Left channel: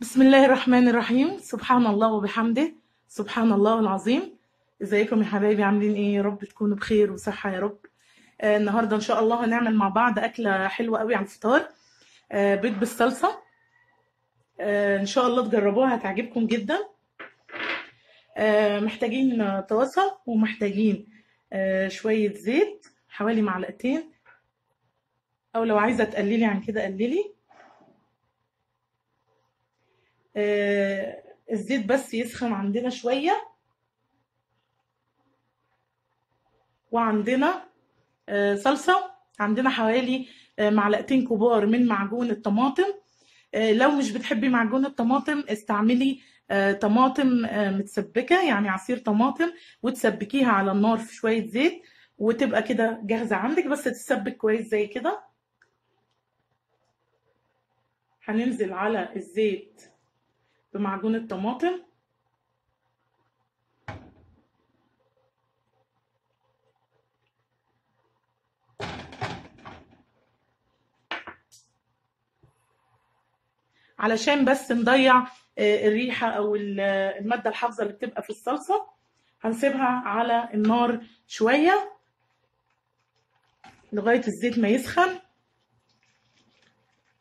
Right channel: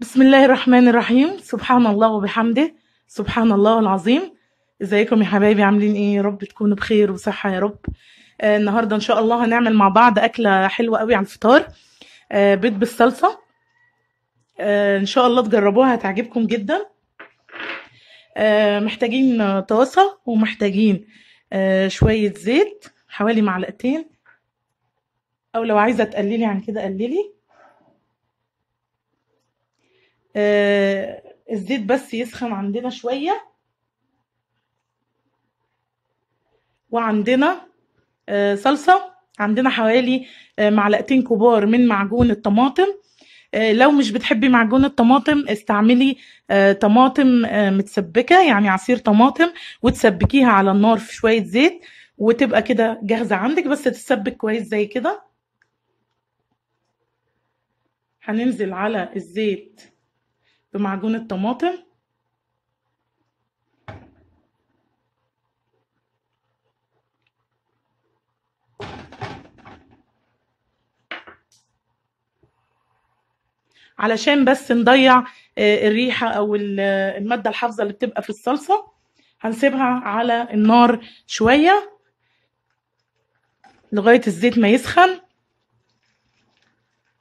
بسم الله الرحمن الرحيم. سبحان الله وبحمده. سبحان الله العظيم. ازيكم يا حبايبي؟ عاملين ايه؟ يا رب تكونوا بخير وصحة يا رب. النهاردة ان شاء الله هنعمل مع بعض أكلة حلوة قوي على الفطار. بيض بالصلصة. ان شاء الله تجربوها هتعجبكم جدا. محتاجين طاسة ومحتاجين شوية زيت حوالي معلقتين، او لو عايزة تقللي عن كده قللي. الزيت بس يسخن عندنا شوية. وعندنا صلصة، عندنا حوالي معلقتين كبار من معجون الطماطم. لو مش بتحبي معجون الطماطم استعملي طماطم متسبكة، يعني عصير طماطم، وتسبكيها على النار في شوية زيت وتبقى كده جاهزة عندك، بس تتسبك كويس زي كده. هننزل على الزيت بمعجون الطماطم. علشان بس نضيع الريحة أو المادة الحافظة اللي بتبقى في الصلصة. هنسيبها على النار شوية لغاية الزيت ما يسخن،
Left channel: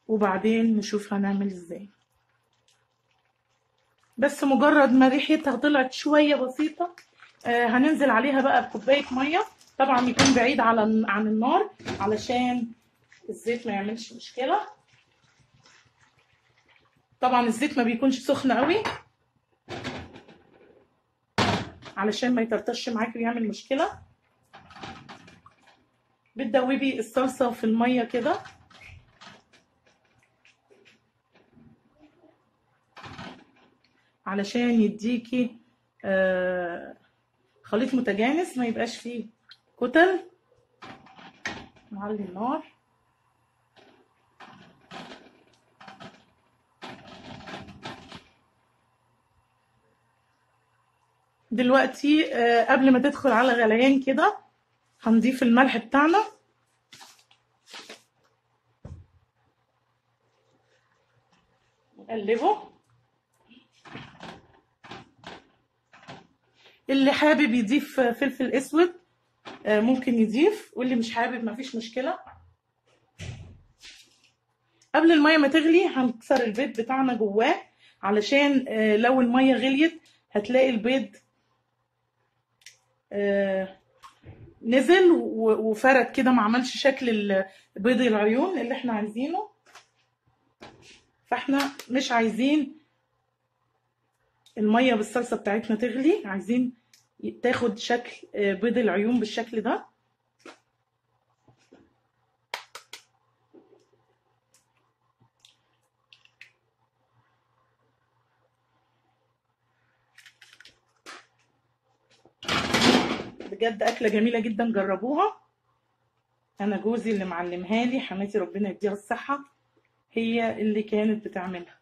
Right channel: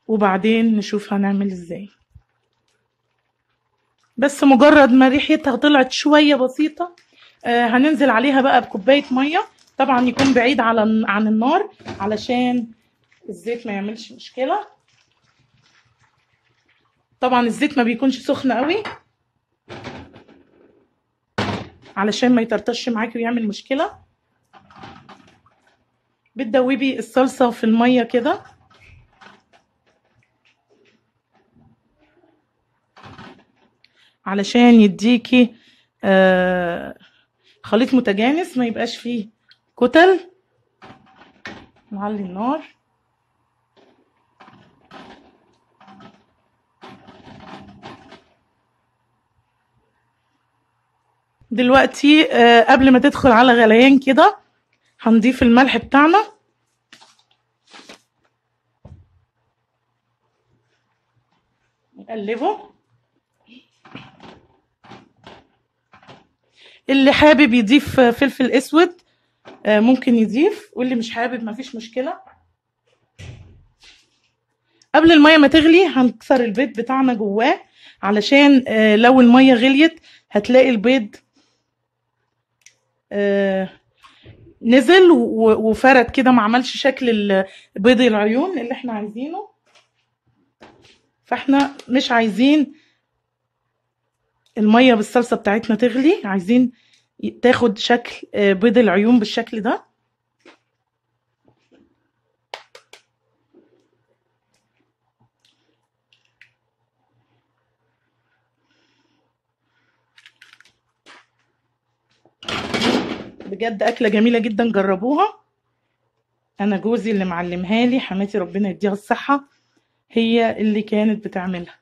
وبعدين نشوف هنعمل ازاي. بس مجرد ما ريحتها طلعت شوية بسيطة هننزل عليها بقى بكوباية مية، طبعا يكون بعيد عن النار علشان الزيت ما يعملش مشكلة. طبعا الزيت ما بيكونش سخن قوي علشان ما يطرطش معاكي ويعمل مشكلة. بتدوبي الصلصة في المية كده علشان يديكي خليط متجانس، ما يبقاش فيه كتل. نعلي النار. دلوقتي قبل ما تدخل على غليان كده هنضيف الملح بتاعنا. نقلبه. اللي حابب يضيف فلفل اسود ممكن يضيف، واللي مش حابب مفيش مشكلة. قبل المية ما تغلي هنكسر البيض بتاعنا جواه، علشان لو المية غليت هتلاقي البيض نزل وفرد كده، ما عملش شكل بيض العيون اللي احنا عايزينه. فاحنا مش عايزين المية بالصلصة بتاعتنا تغلي، عايزين تاخد شكل بيض العيون بالشكل ده. بجد أكلة جميلة جدا، جربوها. أنا جوزي اللي معلمها لي، حماتي ربنا يديها الصحة، هي اللي كانت بتعملها.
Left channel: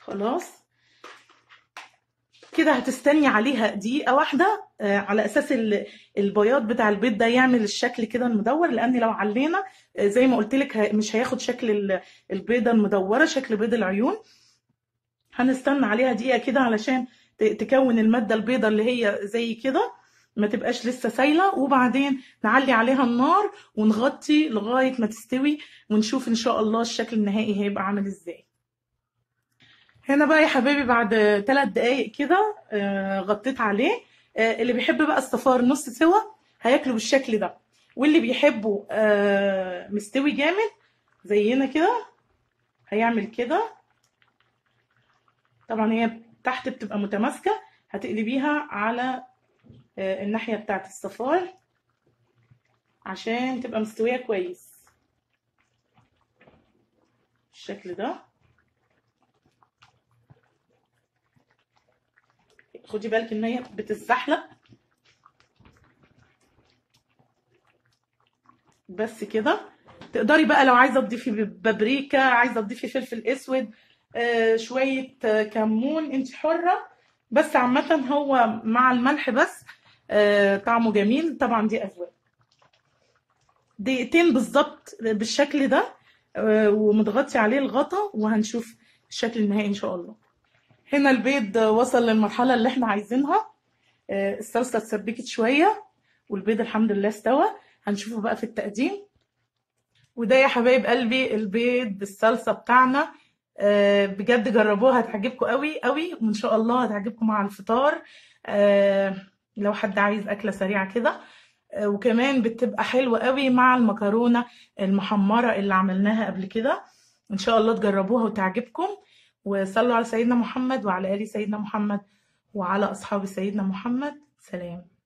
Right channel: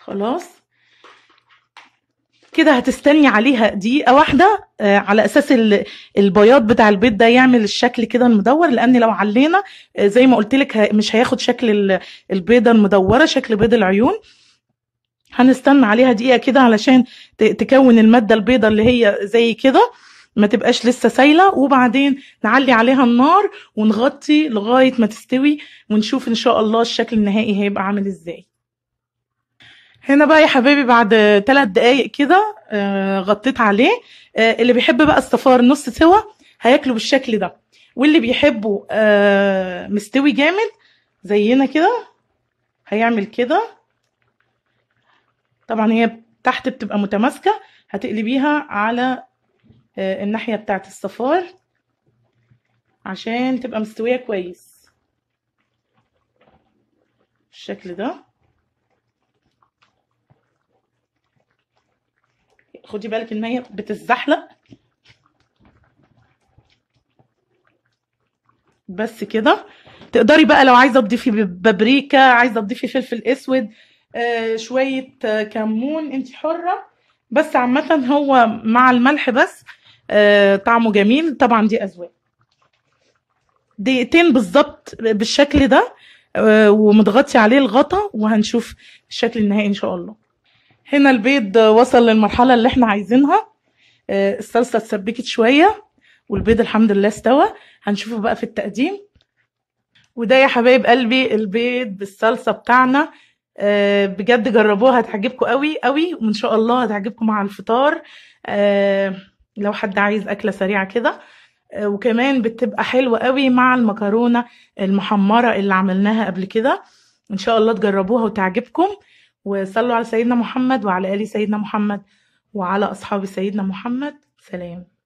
خلاص كده هتستني عليها دقيقة واحدة على أساس البياض بتاع البيض ده يعمل الشكل كده المدور، لأن لو علينا زي ما قلت لك مش هياخد شكل البيضة المدورة، شكل بيض العيون. هنستنى عليها دقيقة كده علشان تكون المادة البيضة اللي هي زي كده، ما تبقاش لسه سايلة، وبعدين نعلي عليها النار ونغطي لغاية ما تستوي، ونشوف إن شاء الله الشكل النهائي هيبقى عامل إزاي. هنا بقى يا حبايبي بعد 3 دقايق كده غطيت عليه. اللي بيحب بقى الصفار نص سوا هياكله بالشكل ده، واللي بيحبه مستوي جامد زينا كده هيعمل كده. طبعا هي تحت بتبقى متماسكة، هتقلبيها على الناحية بتاعت الصفار عشان تبقى مستوية كويس بالشكل ده. خدي بالك ان هي بتتزحلق. بس كده تقدري بقى لو عايزه تضيفي بابريكا، عايزه تضيفي فلفل اسود، شويه كمون، انت حره. بس عامه هو مع الملح بس طعمه جميل. طبعا دي اذواق. دقيقتين بالظبط بالشكل ده، ومتغطي عليه الغطا، وهنشوف الشكل النهائي ان شاء الله. هنا البيض وصل للمرحله اللي احنا عايزينها. الصلصه اتسبكت شويه، والبيض الحمد لله استوى. هنشوفه بقى في التقديم. وده يا حبايب قلبي البيض بالصلصه بتاعنا. بجد جربوها، هتعجبكم قوي قوي، وان شاء الله هتعجبكم مع الفطار. لو حد عايز اكله سريعه كده. وكمان بتبقى حلوة قوي مع المكرونة المحمرة اللي عملناها قبل كده. ان شاء الله تجربوها وتعجبكم. وصلوا على سيدنا محمد وعلى آل سيدنا محمد وعلى أصحاب سيدنا محمد. سلام.